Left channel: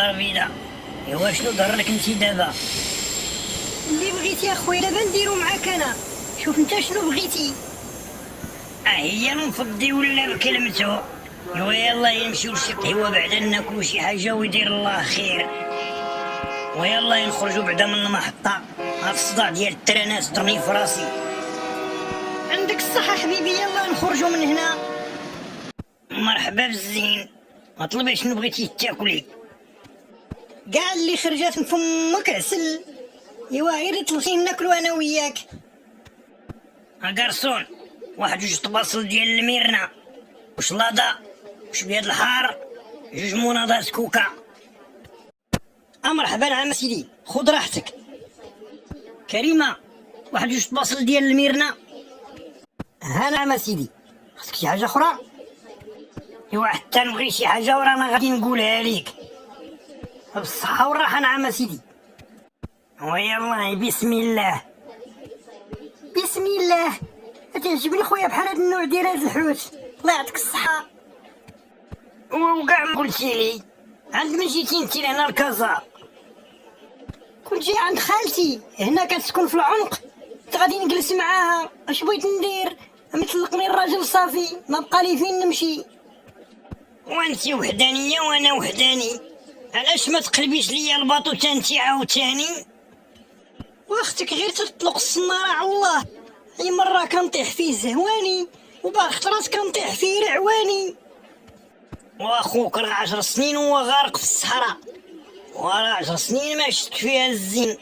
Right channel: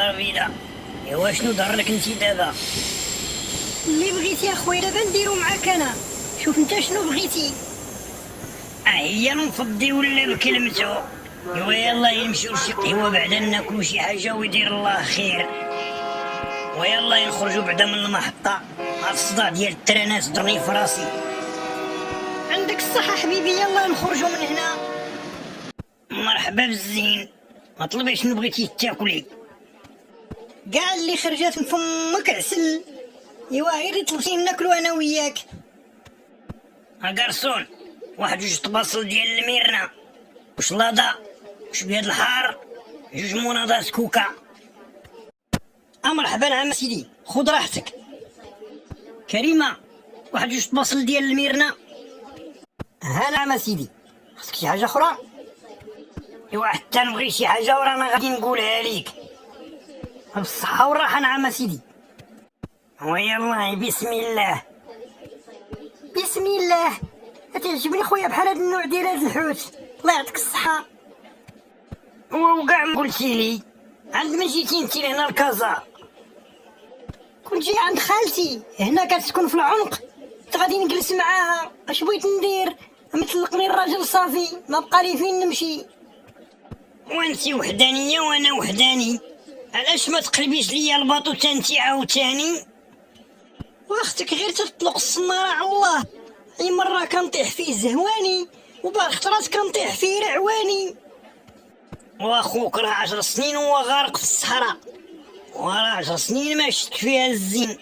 الدار البيضاء. ايوا شنو ضرك انتي دابا؟ اللي بغيتي اخويا دابا نديرو معاك انا. شوف انت شنو بغيتي. هي نفضي ولا بكلمتو. ايوا يلا يمشيو لشي قهوه بعدا ناكلو شي حاجه ويدير الله خير. ويلا نخرجوا بعدا من المحطه. هاد الصداع ديال الترانات طرني في راسي. عندك الصحة حبيبي، يلا نخرجوا من هنا. مرحبا بالزين، ما طلبي شنو بغيتي تاكلي. كاع اللي خرجات من فمك عسل. ايوا غير طلبتي ناكلو انا وياك. قرصون، واحد جوج طباصل ديال الميرنا وشلاضه وشويه د الحار، جوج مناضات كوكا. مرحبا عم سيدي، خذ راحتك. كريمه، واحد جوج طباصل ديال الميرنا. ها نعم سيدي، خصك شي حاجة أخرى؟ ايوا حتى نبغي شي حاجه ورانا غادي نقولها ليك. بالصحة والراحة نعم سيدي. ويلا بسم الله. بسم الله. تعجبني خويا بحال هاد النوع ديال هاد الحوت، الله يعطيك الصحة. وكاع ما قلتي لي عند من جيتي انتي لهنا لكازا؟ كنت جاي عند خالتي هنا كتسكن في العنق، كنت غادي نجلس معاها. اش بغيت ندير؟ مطلقني الراجل صافي، ما بقى لي فين نمشي. وانتي وحدانيه وانا وحداني، علاش ما تقلبيش ليا الباطو تانتي عاوتاني؟ واختك غير تطلق الصنارة على الله. اي مرة كنطيح فيه زهواني، وبعض خطرات كنطيح فيه العواني. واخوك راه 10 سنين وهو غارق في الصحراء، وراه 10 سنين ما شفت فيها الزين.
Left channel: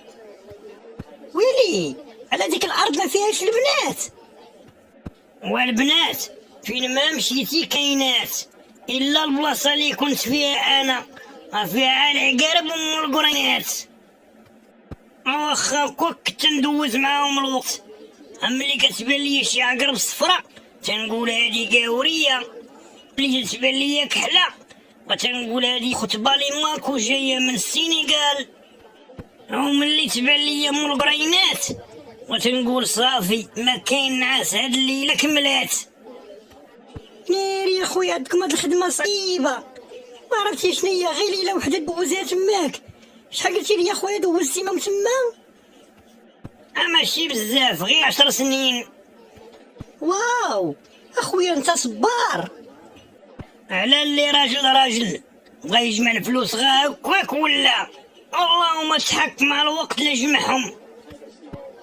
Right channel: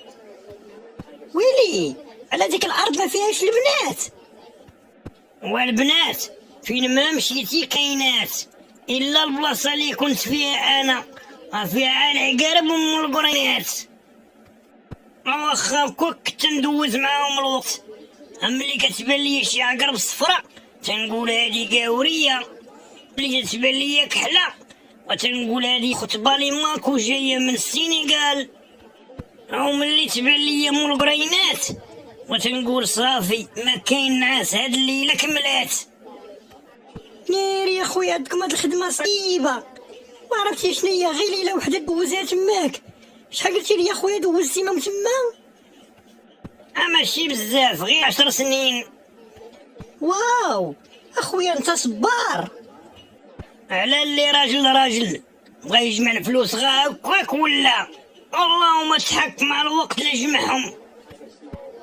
ويلي على ديك الارض ما فيهاش البنات. والبنات فين ما مشيتي كاينات، الا البلاصه اللي كنت فيها انا فيها العقارب ام القرينات. واخا كنت ندوز معاهم الوقت، ملي كتبان ليا شي عقرب صفرا تنقول هادي قاوريه، ملي تتبان ليا كحله وتنقول هادي خطبه لي ماكو جايه من السينيغال، وملي تبان ليا ام القرينات وتنقول صافي ما كاين نعاس هاد الليله كملات. ناري يا خويا عندكم هاد الخدمه صعيبه، ما عرفتي شنيا غير ليله وحده دوزها تماك. شحال قلتي لي يا خويا دوزتي ما تما؟ ماشي بزاف، غير 10 سنين. واو اخويا انت صبار. على اللي راجل بغا يجمع الفلوس غا هكاك ولا اللهم تحك مع الوقت اللي جمعهم.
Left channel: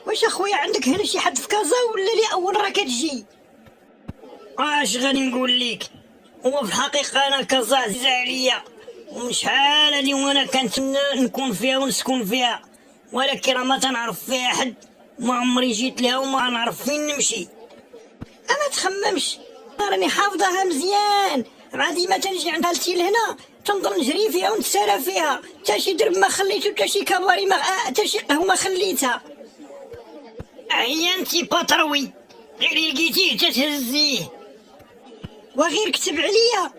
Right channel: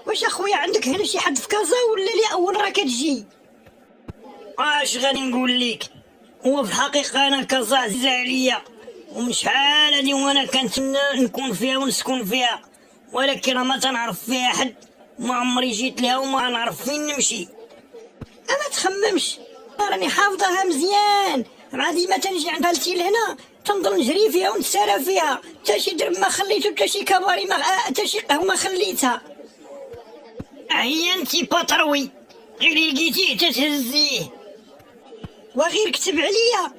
واش اخويا عندك هنا شي حد في كازا ولا لي اول راه كتجي؟ واش غادي نقول ليك، هو في الحقيقه انا كازا عزيزه عليا، ومن شحال هادي وانا كنتمنى نكون فيها ونسكن فيها، ولكن راه ما تنعرف فيها حد، ما عمري جيت لها وما نعرف فين نمشي. اما تخممش، راني حافظاها مزيان، مع ديما تنجي عند خالتي لهنا تنضل نجري فيها ونتسارى فيها، تا شي درب ما خليتو، تا شي كباري ما تا شي قهوه ما خليتها. هي انتي باتروي، غير لقيتيه تتهزيه. وغير كتب عليا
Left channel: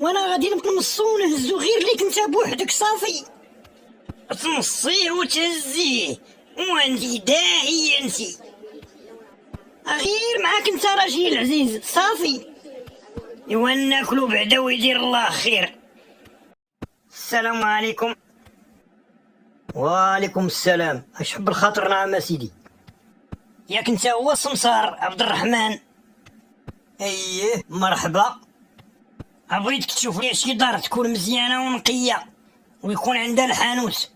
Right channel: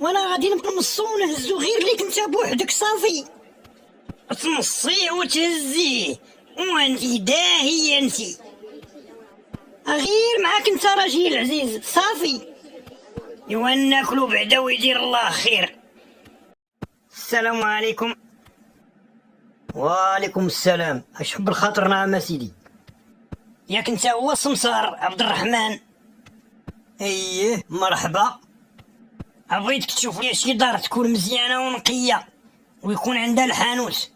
وانا غادي نبقى نصو ونهزو غير ليك انت بوحدك صافي. تنصيه وتهزيه وانتي داهيه انتي. غير معاك انت راجل عزيز صافي. ايوا ناكلو بعدا ويدير الله خير. السلام عليكم. وعليكم السلام. اش حب الخاطر نعم سيدي. ياك انت هو السمسار عبد الرحمن؟ ايه مرحبا. بغيتك تشوف لي شي دار تكون مزيانه ونقيه ويكون عندها الحانوت.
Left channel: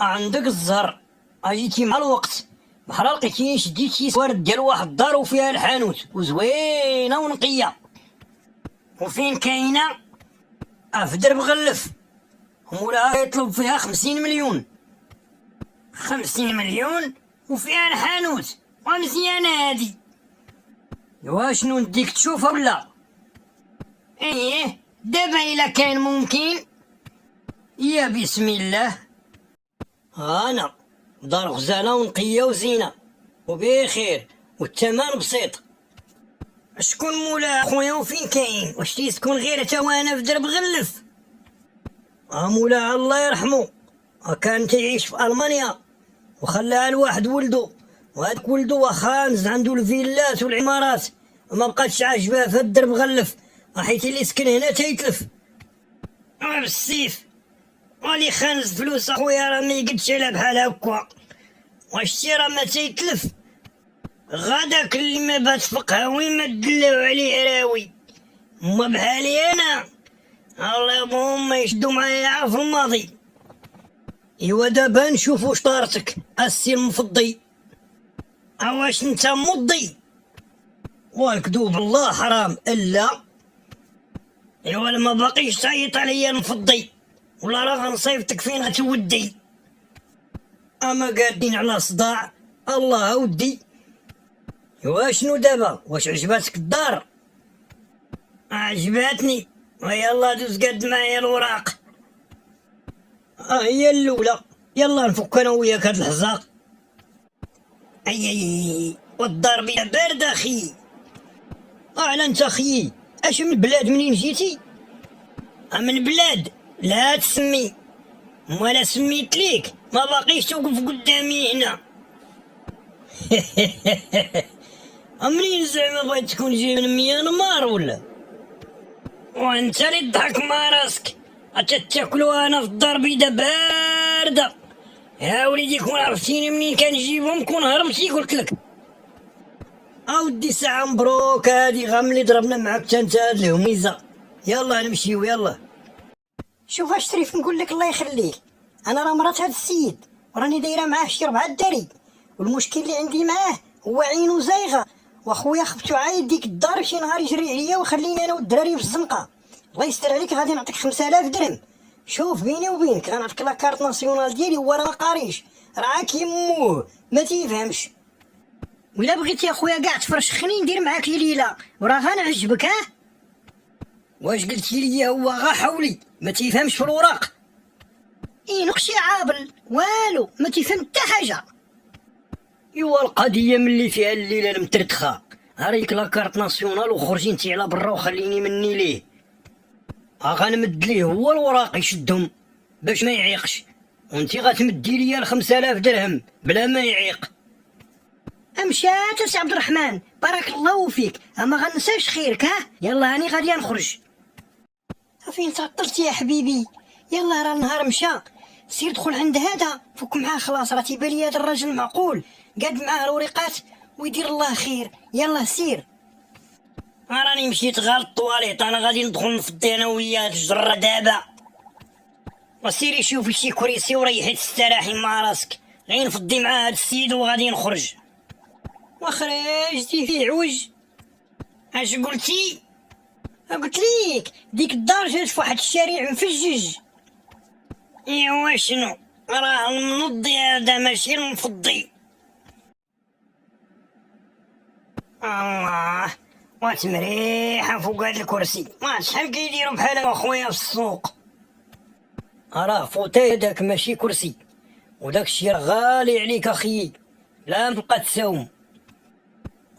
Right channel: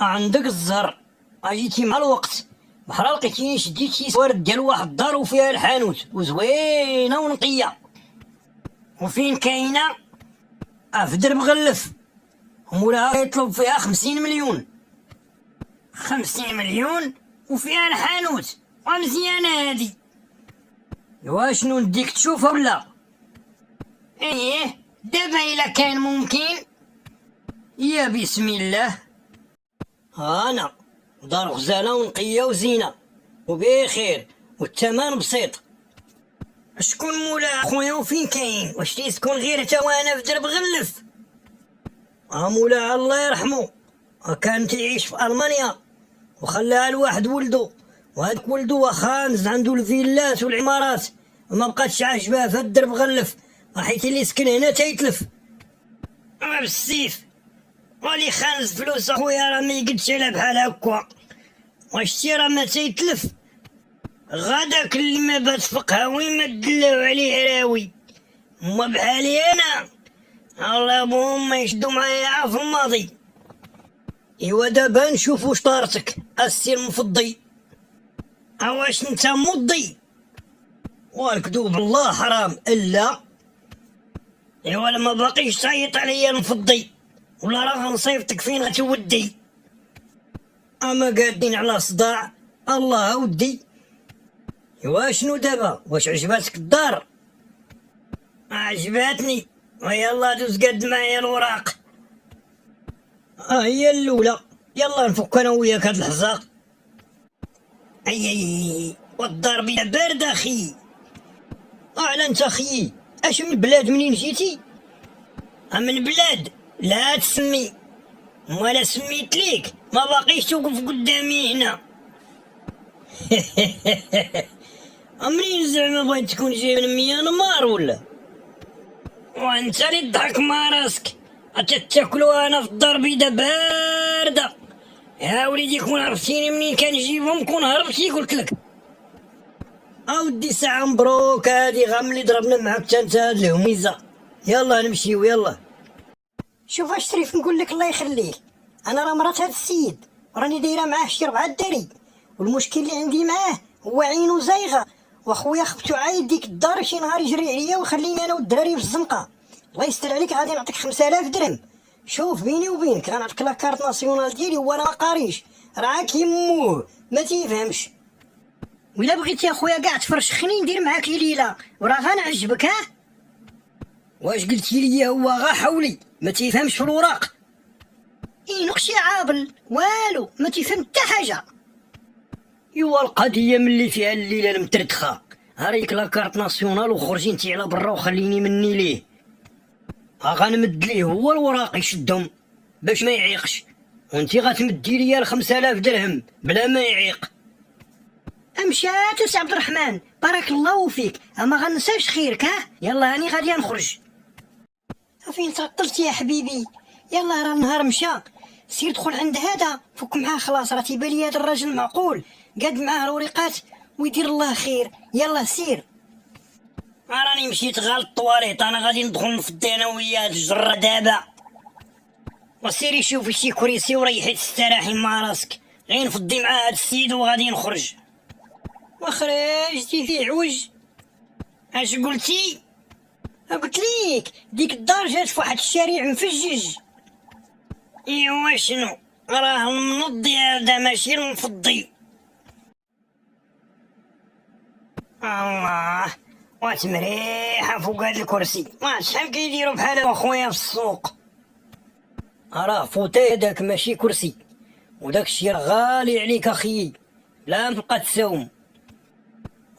عندك الزهر، اجيتي مع الوقت، بحال لقيتيني شديت شي سوارد ديال واحد الدار وفيها الحانوت وزوينه ونقيه. وفين كاينه؟ في درب غلف، مولاها يطلب فيها 50 مليون. 50 مليون وفيها الحانوت ومزيانه هادي؟ ايوا شنو نديك تشوفها ولا؟ ايه دابا الا كان ممكن. يا بسم الله. انا دار غزاله ونقيه وزينه وبخير والثمن بسيط. شكون مولاها خويا وفين كاين؟ واش تيسكن غير تا وانا في درب غلف؟ مولاها الله يرحمه كان تعيش في المانيا وخلاها لواحد ولدو، وهذاك ولدو واخا نزل عنده الفيلات والعمارات وما بقاتش عاجباه في الدرب غلف، حيت اللي سكن هنا تيتلف. بالسيف. ولي خانز فلوس اخويا راه ما يقدش على بحال هكا. واشتي راه ما تيتلف. غداك اللي ما بات فقهاوي ما دلاو عليه راوي. هما بحالي انا الله بهم ما يشدو معايا في الماضي. ايوا دابا نشوفو شطارتك السي المفضي. اواش انت مضي؟ والكذوب الله حرام الا. ايوا ما باقيش تعيط عليا المفضي ولا راه غنصيفطك فين غتودي. اما قادين على صداع الله اودي. ايوا شنو دابا؟ واش عجباتك الدار؟ عجباتني. ويلا دوز قد معايا الوراق. هي الاولى. يلا نفك انا وياك هاد الحزاق. اي والدار بينا بارده اخي. على انت اخي اش من بلاد منين جيتي؟ من بلاد لا تسمي. وانا سميت ليك ما باقيش توقف قدامي هنا. منين زعما بغيت تكون جاي من ميانمار ولا؟ وانت اللي تضحك مع راسك. تاكلوا انا في الدار بيضا بارده. يا وليدي كون عرفتيني منين كنجيبهم كون هربتي قلت لك. اودي ساعه مبروك هادي غاملي ضربنا معاك حتى انت هاد الهميزه. يلا نمشيو يلا. شوف اش شريف نقول لك الله يخليك، انا راه مرات هاد السيد وراني دايره معاه شي 4 الدري، والمشكل اللي عندي معاه هو عينو زايغه، واخويا خفتو عايد ديك الدار شي نهار يجري عليا وخليني انا والدراري في الزنقه. الله يستر عليك غادي نعطيك 5000 درهم. شوف بيني وبينك غنعطيك لاكارت ناسيونال ديالي هو راه ما قاريش، راه كيموه ما تيفهمش. ولا بغيتي اخويا كاع تفرش خليني ندير معاك ليله وراه غنعجبك. ها واش قلتي لي هو غا حولي ما تيفهمش في الوراق؟ نقشي عابل والو ما تيفهم حتى حاجه. ايوا القضيه ملي فيها الليله المتردخه هاريك لاكارت ناسيونال وخرجي انتي على برا وخليني مني ليه. غنمد ليه هو الوراق يشدهم باش ما يعيقش، وانتي غتمدي ليا 5000 درهم بلا ما يعيق. امشات سي عبد الرحمن بارك الله فيك، اما غنساش خيرك. ها يلا هاني غادي نخرج. فين تعطلتي يا حبيبي؟ يلا راه النهار مشى، سير دخل عند هذا فك معاه خلاص، راه تيبان لي هذا الراجل معقول قاد معاه الوريقات ويدير الله خير. يلا سير. راني مشيت غير الطواليط انا غادي ندخل نفضي انا وياه هاد الجره دابا. وسيري شوفي شي كريسي وريحي تستراحي مع راسك، غير نفضي مع هاد السيد وغادي نخرج. وخرجتي في عوج. اش قلتي؟ قلت ليك ديك الدار جات في واحد الشارع مفجج. ايوا شنو راه المنضي هذا ماشي المفضي. الله وات مريحه فوق هذا الكرسي. ما شحال كيديروا بحال اخويا في السوق. راه فوتاي هذاك ماشي كرسي، وداك الشي راه غالي عليك اخي لا تبقى تساوم.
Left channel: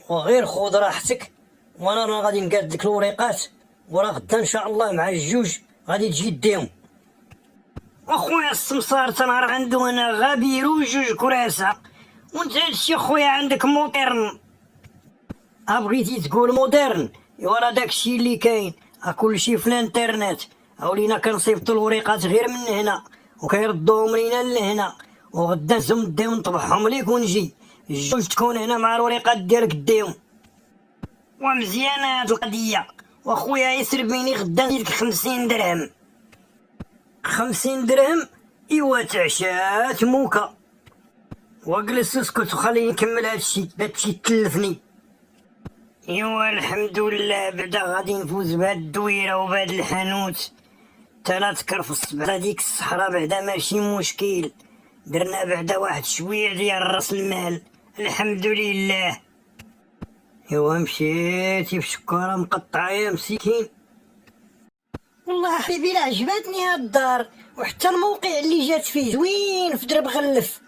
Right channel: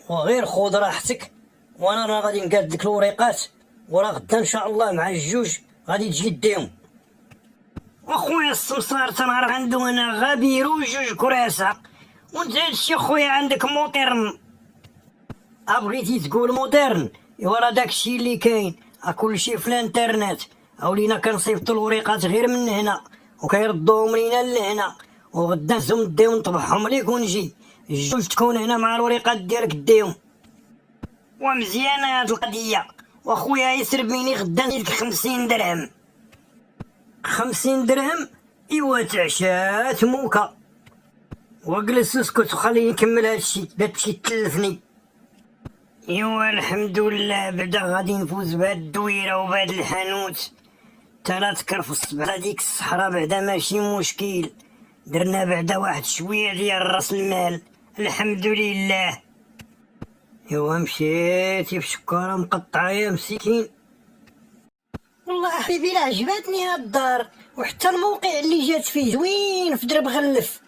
وغير خذ راحتك وانا راه غادي نقاد لك الوريقات وراه غدا ان شاء الله مع الجوج غادي تجي ديهم. اخويا السمسار تنهار عنده انا غابيرو جوج كراسه، وانت هادشي اخويا عندك مودرن. بغيتي تقول مودرن ايوا راه داكشي اللي كاين، كلشي في الانترنت. ولينا كنصيفطو الوريقات غير من هنا وكيردوهم لينا لهنا، وغدا نزو نديو نطبعهم ليك ونجي الجوج تكون هنا مع الوريقات ديالك ديهم. ومزيانه هاد القضيه واخويا يسرب بيني غدا نديرلك 50 درهم. 50 درهم ايوا تعشات موكا. وجلس اسكت وخليني نكمل هادشي لا تمشي تلفني. ايوا الحمد لله بعدا غادي نفوز بهاد الدويره وبهاد الحانوت. تلا تكرف الصبح هاديك الصحراء بعدا ماشي مشكل، درنا بعدا واحد شويه ديال راس المال الحمد لله. ايوا مشيتي في شكاره مقطعه يا مسكين. والله حبيبي لا عجبتني هاد الدار، وحتى الموقع اللي جات فيه زوين في درب غلف.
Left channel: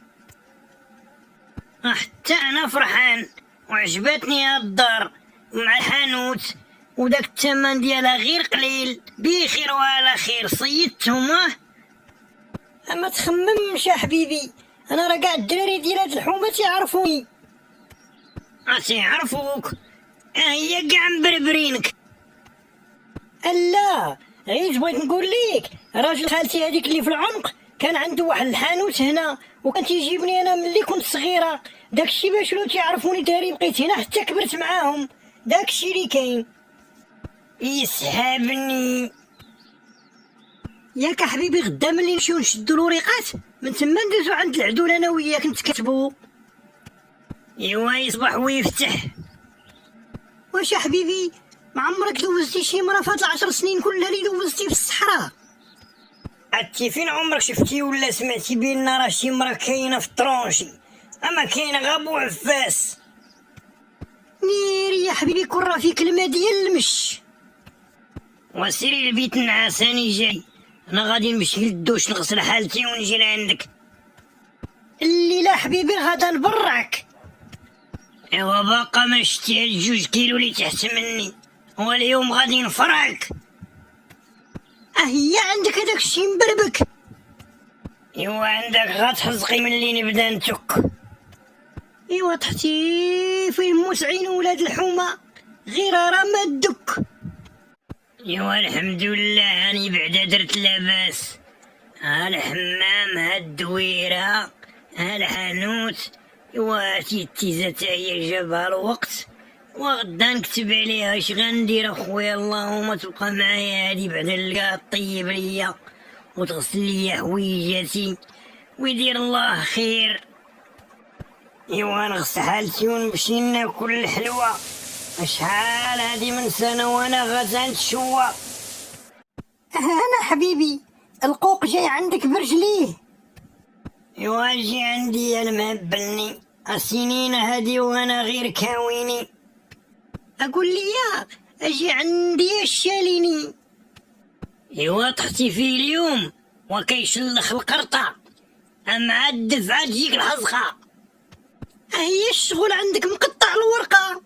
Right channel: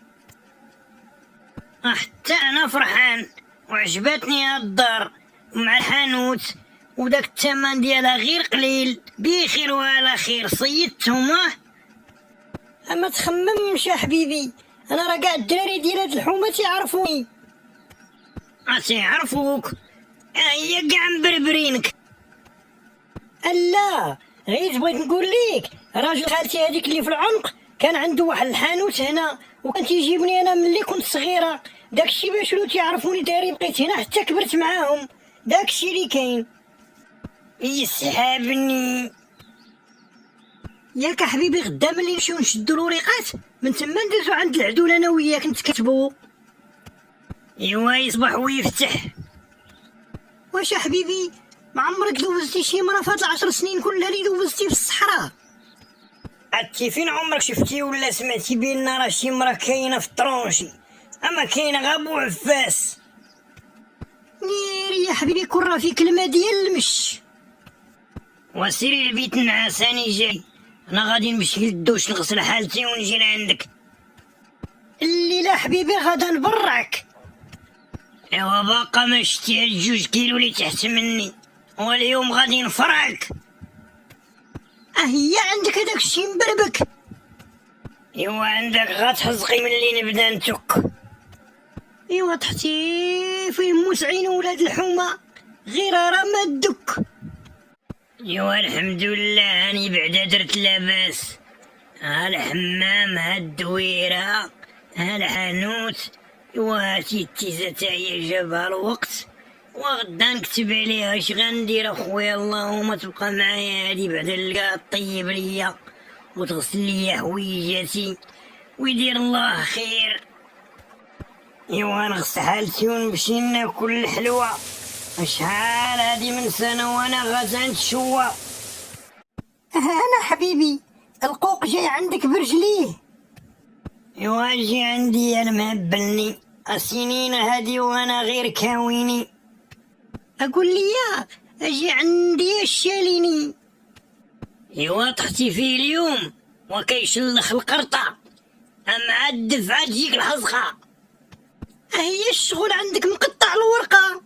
حتى انا فرحان وعجبتني هاد الدار مع الحانوت، وداك الثمن ديالها غير قليل بخير وعلى خير صيدتهم. اما تخممش يا حبيبي، انا راه كاع الدراري ديال هاد الحومه تيعرفوني. تيعرفوك؟ هي كاع مبربرينك. الا غير بغيت نقول ليك راجل خالتي هذيك اللي في العنق كان عنده واحد الحانوت هنا، وكان تيجيبني انا ملي كنت صغيره. داكشي باش لو تيعرفوني دايرين بقيت هنا حتى كبرت معاهم. داكشي اللي كاين. يسحبني. ياك حبيبي غدا ملي نمشيو نشدو الوريقات من تما ندوزو عند العدول انا وياك نتكتبو. ايوا يصبح ويفتح. واش حبيبي ما عمرك دوزتي شي مرة فهاد 10 سنين كلها اللي دوزتي في الصحراء؟ عرفتي فين عمرك شفتي ولا سمعتي بان راه شي مرا كاينه في الطرونجي؟ اما كاين غا بو عفاس. نير يا حبيبي كون راه فيك الماء ديال المش. وسيري البيت نعساني جاي، انا غادي نمشي للدوش نغسل حالتي ونجي لعندك. الليلة حبيبي غادا نبرعك. ايوا باقا ما شتي هاد 2 كيلو اللي تحت مني، واليوم غادي نفرعك. هي عندك هداك الشي مبربك. ايوا عندك غتحزقي ملي نبدا نتك. ايوا تحتي فيه موسعين ولاد الحومة غير راه ما الدك. ايوا الحمد لله هاني بعدا درت لاباس. ها الحمام ها الدويرة ها الحانوت. ايوا هاتي التيزة تا هي جابها الوقت، وغدا نكتب عليها اش غندير اخويا. اللهم تبقى معايا هادي بعدا نلقاها طيب ليا وتغسل ليا حويجاتي ويدير الله خير. ايوا نغسل حالتي ونمشي ناكل الحلوى. شحال هادي من سنة وانا غادا نتشوى. انا حبيبي القوق جاي عندك برجليه. ايوا جي عندي انا مهبلني السنين هادي وانا غير كاويني. اقول لي يا اجي عندي الشاليني. ايوا طحتي فيه اليوم وكيشلخ القرطة، اما الدفعة تجيك الحزقة. هي الشغل عندك مقطع الورقة.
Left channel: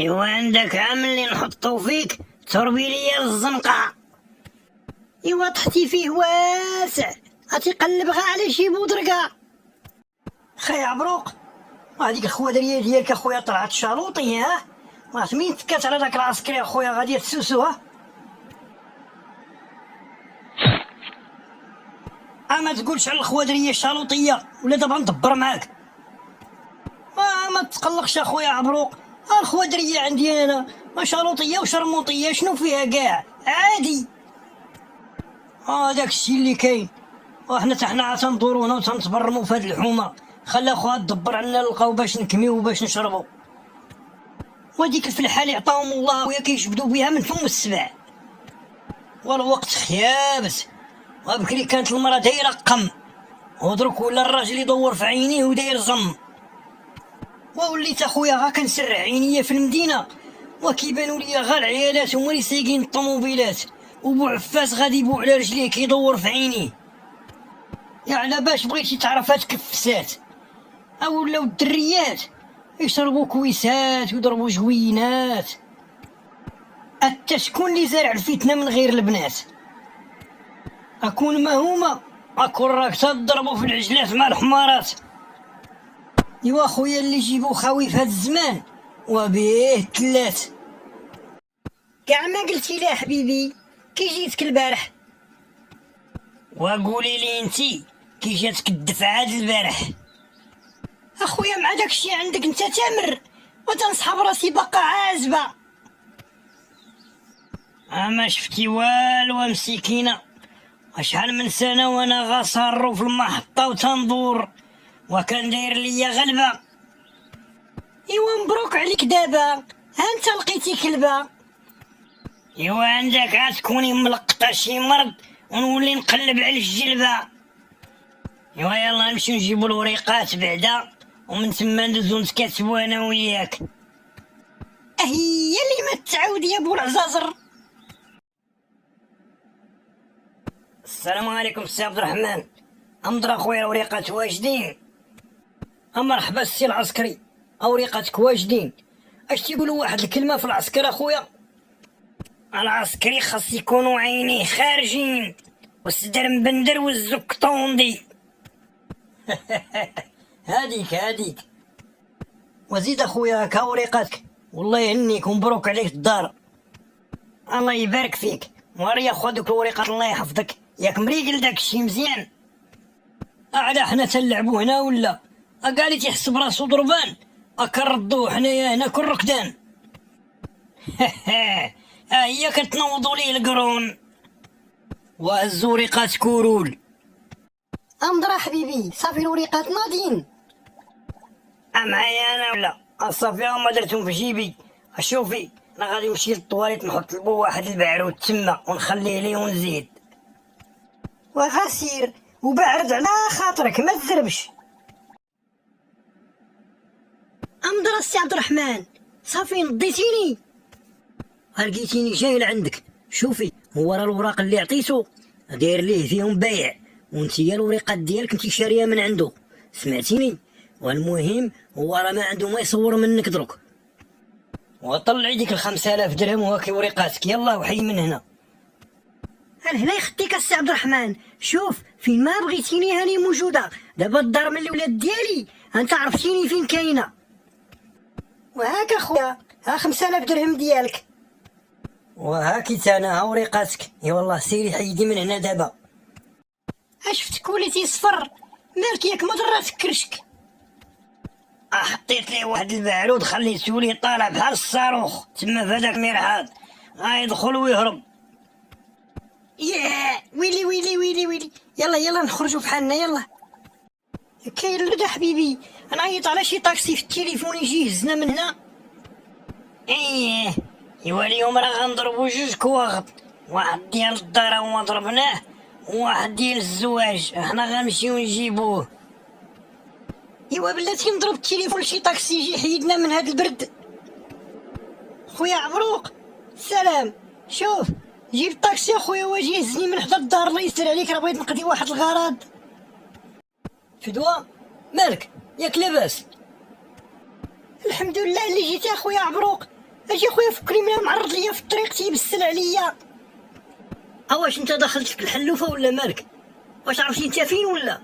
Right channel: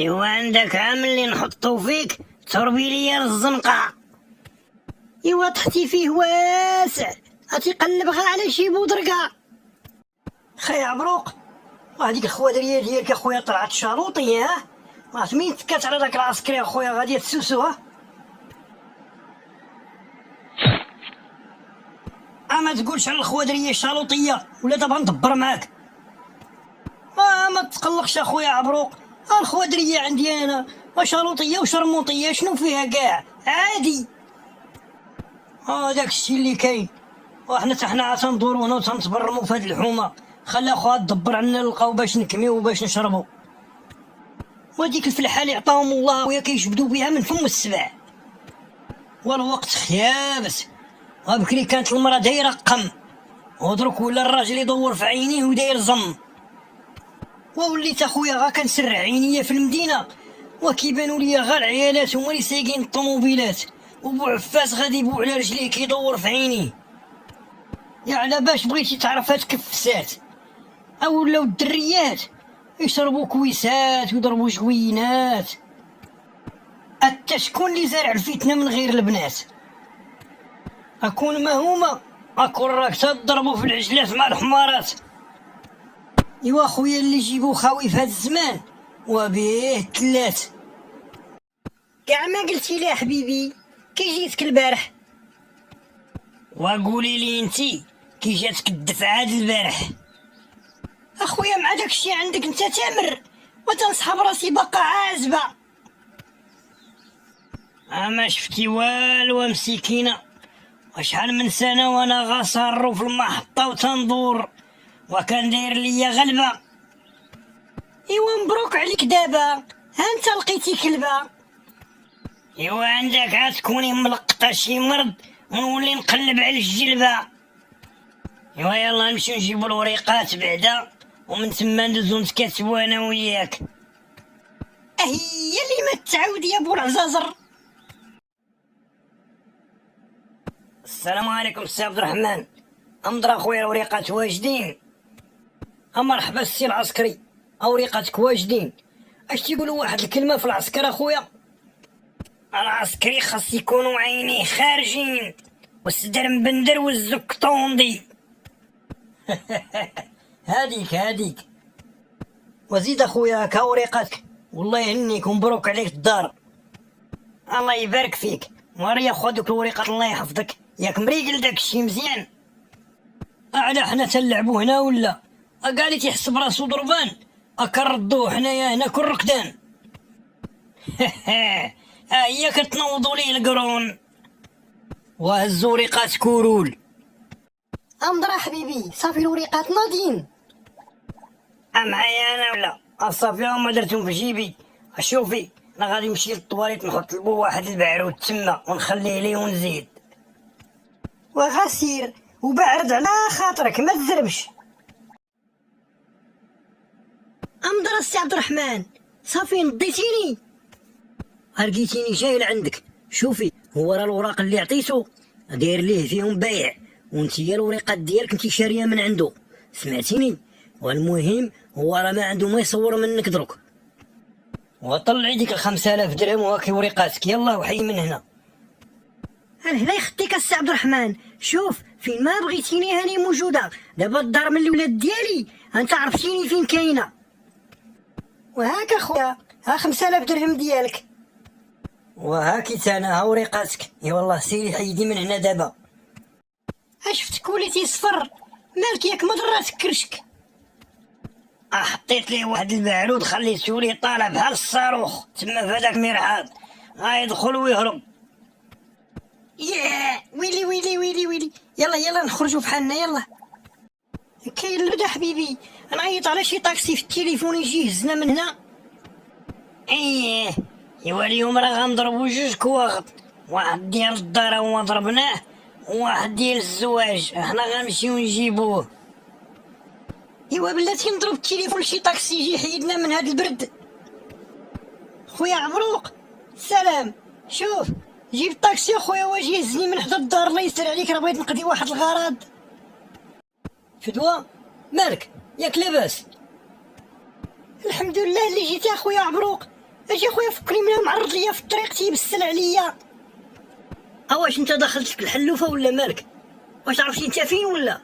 ايوا عندك عام اللي نحطو فيك تربي ليا الزنقة. ايوا تحتي فيه واسع غتيقلب غا على شي بودرقة. خي عبروق هاديك الخوادرية ديالك اخويا طلعت شالوطي. ها عرفت مين تكات على داك العسكري اخويا غادي تسوسو. ها ما تقولش على الخوادرية الشالوطية ولا دابا ندبر معاك. ما تقلقش اخويا عبروق، الخوادرية عندي انا شالوطية وشرموطية شنو فيها كاع عادي. داك الشي اللي كاين. وحنا حنا تندورو هنا وتنتبرمو في هاد الحومة. خلي اخويا تدبر عنا نلقاو باش نكميو وباش نشربو. وديك الفلحة اللي عطاهم الله ويا كيجبدو بها من فم السبع. والوقت خيابس، وبكري كانت المرا دايرة قم، ودرك ولا الراجل يدور في عينيه وداير زم. ووليت اخويا غا كنسرع عينيا في المدينة وكيبانو ليا غا العيالات هما اللي سايقين الطوموبيلات، وبو عفاس غادي يبوع على رجليه كيدور في عينيه. يا على باش بغيتي تعرف هاد كفسات ولاو الدريات يشربوا كويسات ويضربوا جوينات. حتى شكون اللي زارع الفتنة من غير البنات؟ اكون ما هما اكون راك تضربوا في العجلات مع الحمارات. ايوا خويا اللي يجيبو خاوي في هاد الزمان وبيه تلات. كاع ما قلتي لي حبيبي كي جيتك البارح. وقولي لي انتي كي جاتك الدفعة د البارح. اخويا مع داكشي عندك انت تامر وتنصحاب راسي باقا عازبة. ما شفتي والو مسكينة، وشحال من سنة وانا غاصارو في المحطة وتندور وكان داير ليا غلبة. ايوا مبروك عليك دابا ها انت لقيتي كلبة. ايوا عندك عتكوني ملقطة شي مرض ونولي نقلب على الجلبة. ايوا يلا نمشيو نجيبو الوريقات بعدا ومن تما ندوزو نتكاتبو انا وياك. هي اللي ما تعاود يا بو العزازر. السلام عليكم السي عبد الرحمن. امضر اخويا الوريقات واجدين. مرحبا السي العسكري، وريقاتك واجدين. اش تيقولوا واحد الكلمة في العسكر اخويا؟ العسكري خاص يكونوا عينيه خارجين والصدر مبندر والزك طوندي. هاديك وزيد اخويا هاكا وريقاتك والله يهنيك ومبروك عليك الدار. الله يبارك فيك. ماريا خذك الورقة الله يحفظك، ياك مريقل داك الشي مزيان. أعلى حنا تنلعبو هنا ولا؟ قالي تيحس براسو ضربان، أكنردوه حنايا هنا كل ركدان. هي كتنوضو ليه القرون وهزو ورقات كورول. أمضرا حبيبي صافي الورقات ناضيين. معايا أنا ولا؟ صافي ما درتهم في جيبي. شوفي أنا غادي نمشي للطواليت نحط لبو واحد البعرود تما ونخليه ليه ونزيد. وغسير وبعرد على خاطرك ما تزربش. أمضرا السي عبد الرحمن صافي نضيتيني. لقيتيني جاي لعندك. شوفي هو راه الوراق اللي عطيتو داير ليه فيهم بايع، وانتيا الورقات ديالك انتي شاريه من عنده، سمعتيني؟ والمهم هو راه ما عنده ما يصور منك دروك. وطلعي ديك 5000 درهم وهاكي ورقاتك، يلا وحي من هنا. هنا يخديك السي عبد الرحمن، شوف فين ما بغيتيني هاني موجوده. دابا الدار من الولاد ديالي انت عرفتيني فين كاينه. وهاك اخويا ها 5000 درهم ديالك. وهاكي تانا ها ورقاتك، يا والله سيري حيدي من هنا دابا. شفتك وليتي صفر، مالك ياك ما ضراتك كرشك. حطيت ليه واحد البعرود خليتو ليه طالع بحال الصاروخ تما في هذاك المرحاض، غايدخل ويهرب. ياه ويلي ويلي ويلي ويلي، يلا نخرجوا بحالنا يلا. كاين الردا حبيبي، انا عيط على شي طاكسي في التليفون يجي يهزنا من هنا. ايه ايوا اليوم راه غنضربو جوج كواغط، واحد ديال الدار هو ضربناه وواحد ديال الزواج، حنا غنمشيو نجيبوه. ايوا بلاتي نضرب التليفون لشي طاكسي يجي يحيدنا من هاد البرد. خويا عبروق سلام، شوف جيب الطاكسي خويا واجي يهزني من حدا الدار الله يسر عليك، راه بغيت نقضي واحد الغرض. فدوى مالك ياك لاباس؟ الحمد لله اللي جيت اخويا عبروق. اجي خويا فكري من معرض ليا في الطريق تيبسل عليا. واش انت دخلتك الحلوفه ولا مالك؟ واش عرفتي انت فين ولا؟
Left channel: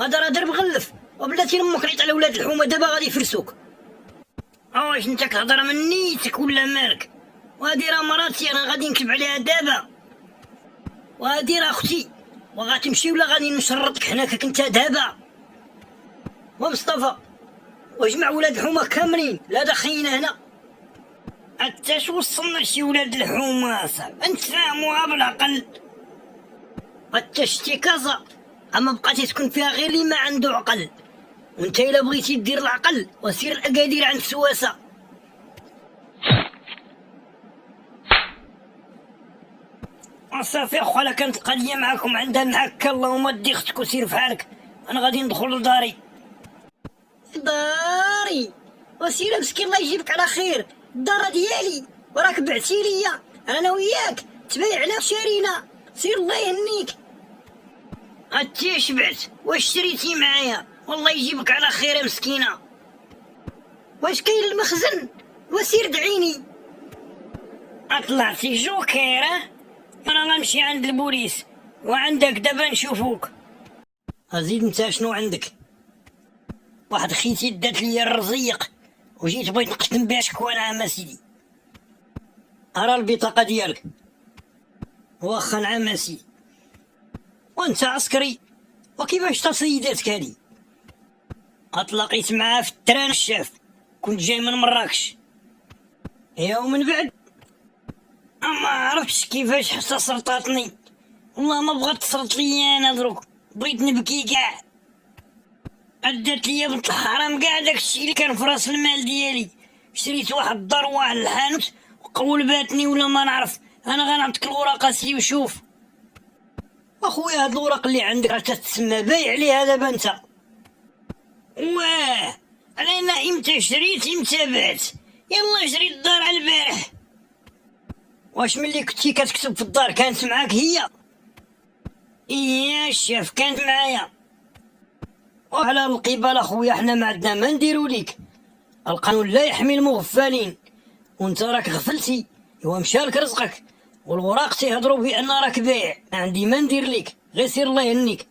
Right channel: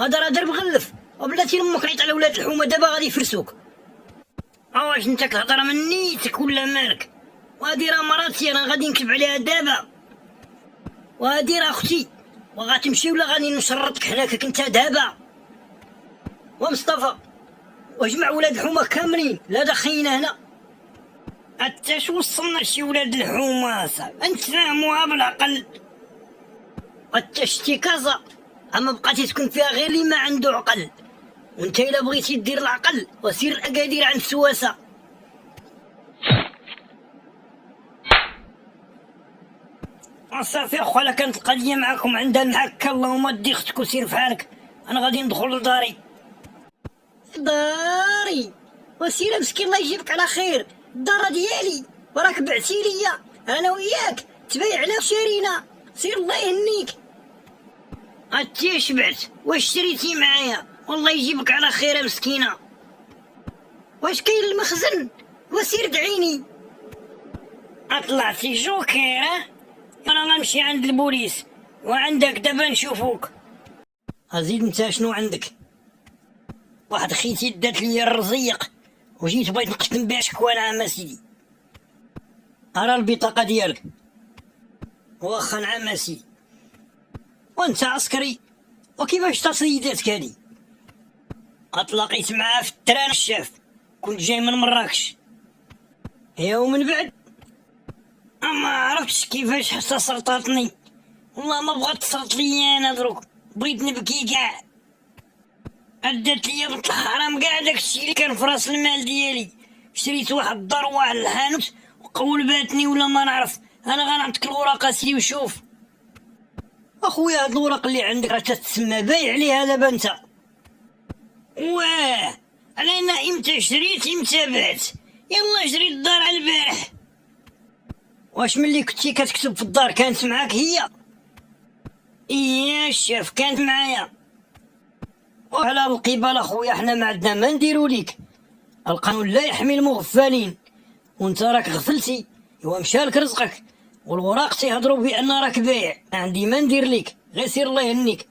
هذا راه درب غلف، وبلاتي لامك عيط على ولاد الحومه دابا غادي يفرسوك. واش انت كتهضر من نيتك ولا مالك؟ وهادي راه مراتي انا غادي نكتب عليها دابا، وهادي راه اختي وغتمشي ولا غادي نشرطك هناك انت دابا. ومصطفى وجمع ولاد الحومه كاملين لا داخلين هنا. حتى شو وصلنا شي ولاد الحومه صاحبي، انت فاهموها بالعقل. حتى شتي كازا اما بقاتي تكون فيها غير اللي ما عنده عقل، وانت الا بغيتي دير العقل وسير الاكادير عند سواسه. صافي اخو انا كانت القضيه معاكم عندها محكه، اللهم دي اختك وسير فحالك، انا غادي ندخل لداري. داري وسير مسكين الله يجيبك على خير، الدار ديالي وراك بعتي ليا انا وياك تبايعنا وشارينا، سير الله يهنيك. انتي شبعت واش شريتي معايا؟ والله يجيبك على خير مسكينه. واش كاين المخزن؟ وسير دعيني. طلعتي جوكير؟ انا غنمشي عند البوليس وعندك دابا نشوفوك. ازيد انت شنو عندك؟ واحد خيتي دات لي الرزيق وجيت بغيت نقسم بها شكوى نعم سيدي. ارى البطاقه ديالك. واخا نعم سيدي. وانت عسكري وكيفاش تصيداتك هادي؟ اتلاقيت معاه في التران الشاف، كنت جاي من مراكش. يا ومن بعد ما عرفتش كيفاش حتى سرطاتني، والله ما بغات تسرط ليا انا دروك، بغيت نبكي كاع. ادات ليا بنت الحرام كاع داكشي اللي كان في راس المال ديالي، شريت واحد الدار وواحد الحانوت وقولباتني ولا ما نعرف. انا غنعطيك الوراق سي وشوف. اخويا هاد الوراق اللي عندك راه تتسمى بايع عليها دابا انت. واه انا امتى شريت امتى بعت، يلا شريت الدار على البارح. واش ملي كنتي كتكتب في الدار كانت معاك هي؟ ايه الشاف كانت معايا. وعلى القبال اخويا حنا ما عندنا ما نديرو ليك، القانون لا يحمي المغفلين، وانت راك غفلتي ومشالك رزقك، والوراق تيهضروا بان راك بايع، ما عندي ما ندير ليك، غير سير الله يهنيك.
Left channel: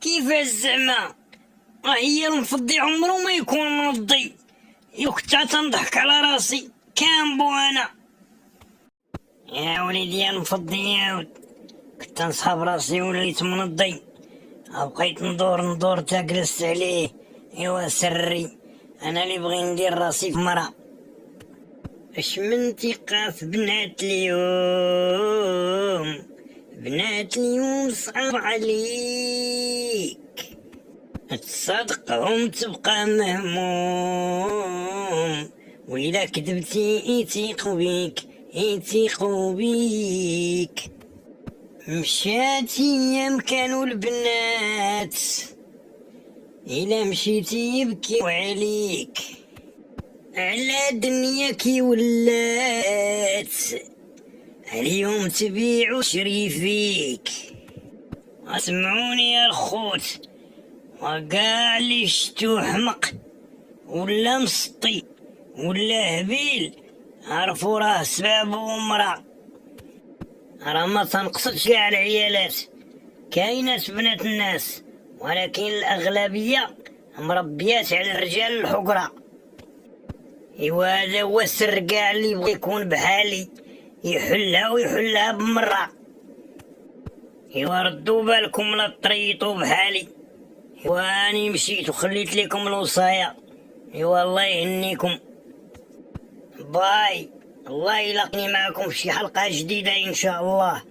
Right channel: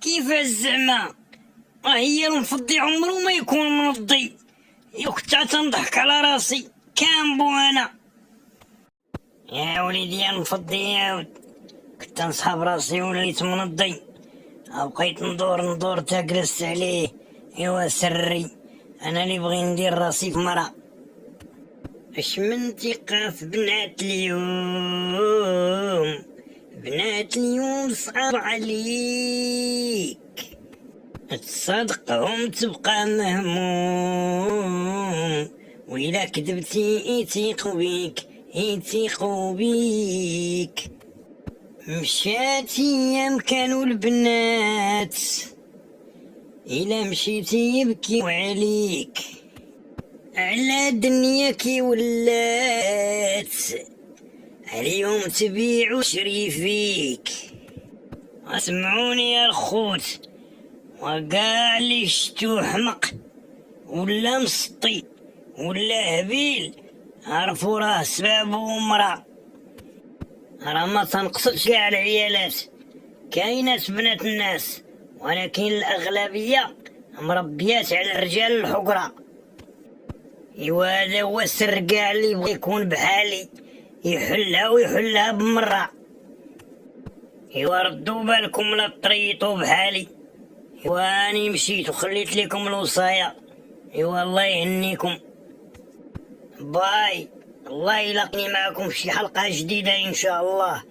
كيفاش زعما؟ هي المفضي عمرو ما يكون منضي، كنت تنضحك على راسي كامبو انا. يا وليدي نفضي يا ود، كنت نصحاب راسي وليت منضي، بقيت ندور تاكلس عليه. ايوا سري انا اللي بغي ندير راسي في مرا. اش من ثقة في بنات اليوم، بنات اليوم صعب عليك، تصدقهم تبقى مهموم، وإلا كذبتي يثيقوا بيك. مشات ايام كانوا البنات، إلا مشيتي يبكيو عليك، على دنيا كي ولات، اليوم تبيع وشري فيك. اسمعوني يا الخوت، وقاع اللي شتو حمق ولا مسطي ولا هبيل، عرفوا راه سبابو مرا. راه ما تنقصدش كاع العيالات، كاينات بنات الناس، ولكن الأغلبية مربيات على الرجال الحقرة. إيوا هذا هو السر، كاع اللي يبغي يكون بحالي يحلها بمرة. إيوا ردوا بالكم لا تريطوا بحالي. إيوا أني مشيت وخليت لكم الوصاية. إيوا الله يهنيكم، باي. الله يلاقني معكم في شي حلقة جديدة إن شاء الله.